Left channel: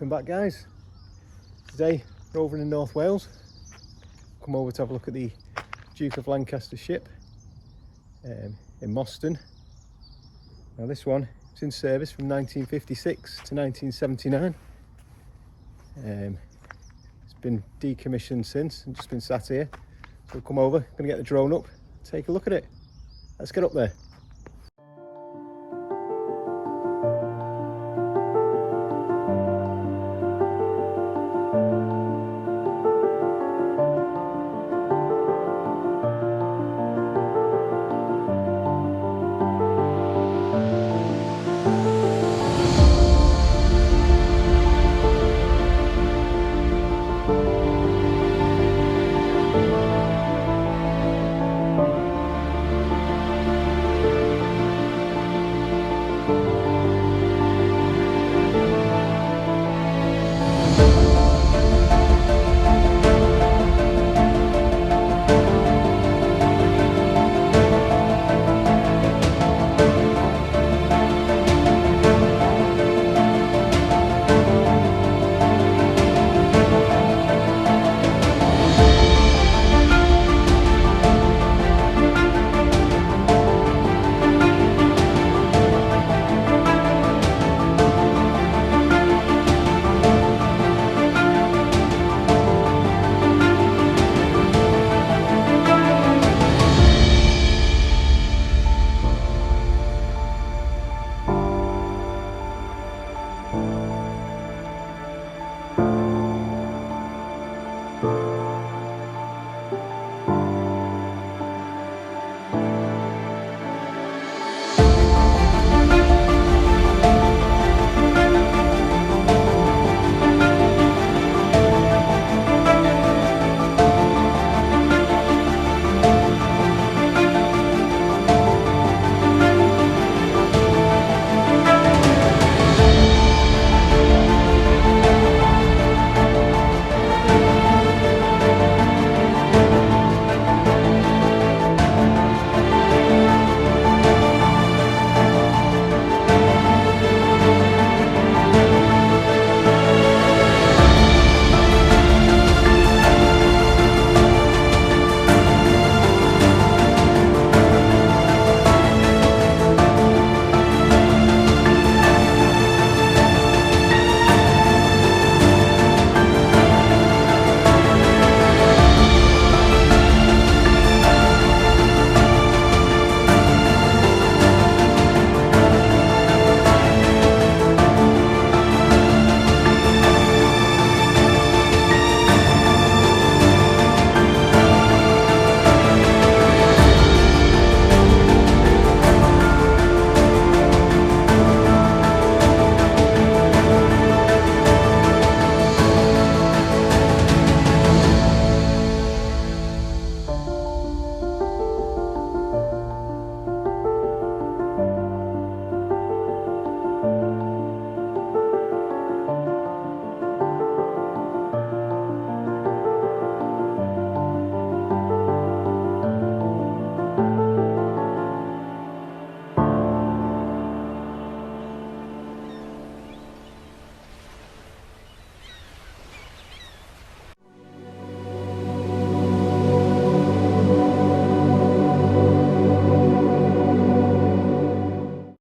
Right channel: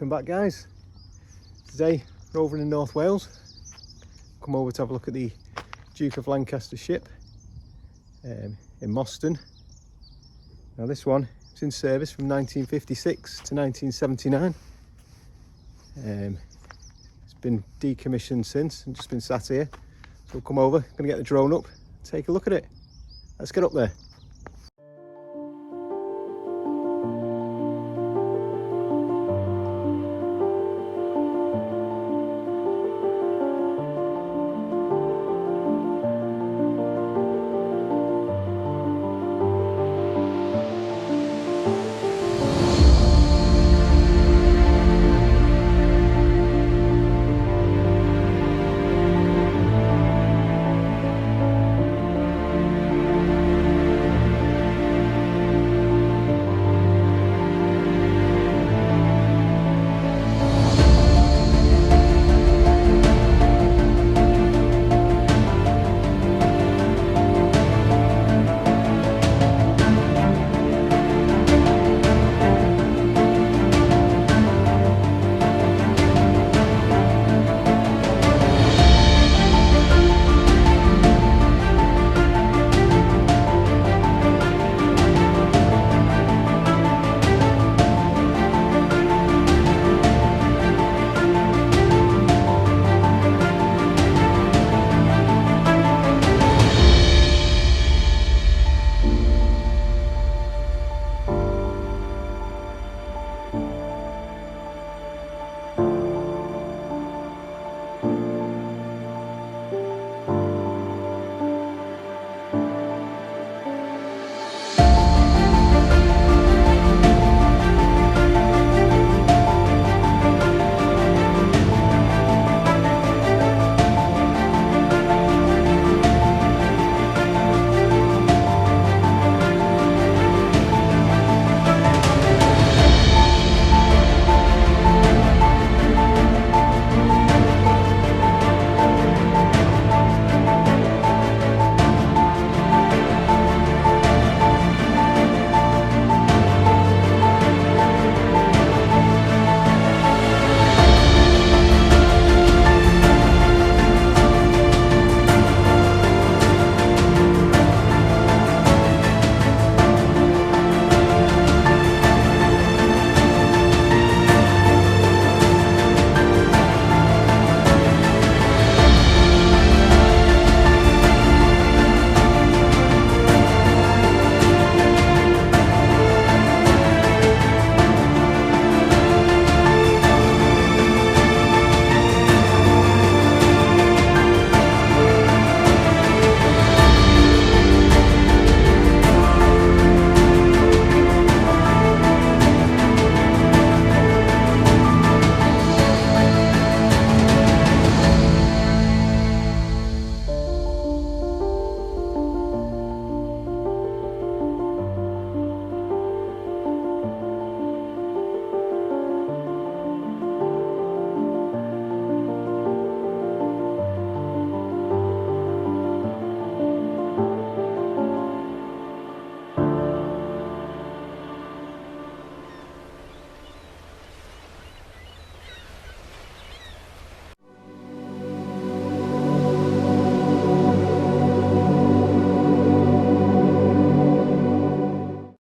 Welcome back, guys. Today we're over in North Wales. Come over to have a look at the Duke of Lancaster ship in Mostyn. Now this one was in service from 1956 to 1979. It's been decommissioned since and just been sat here. So we'll come over, going to get the drone up, take a look at it. Let's get up there.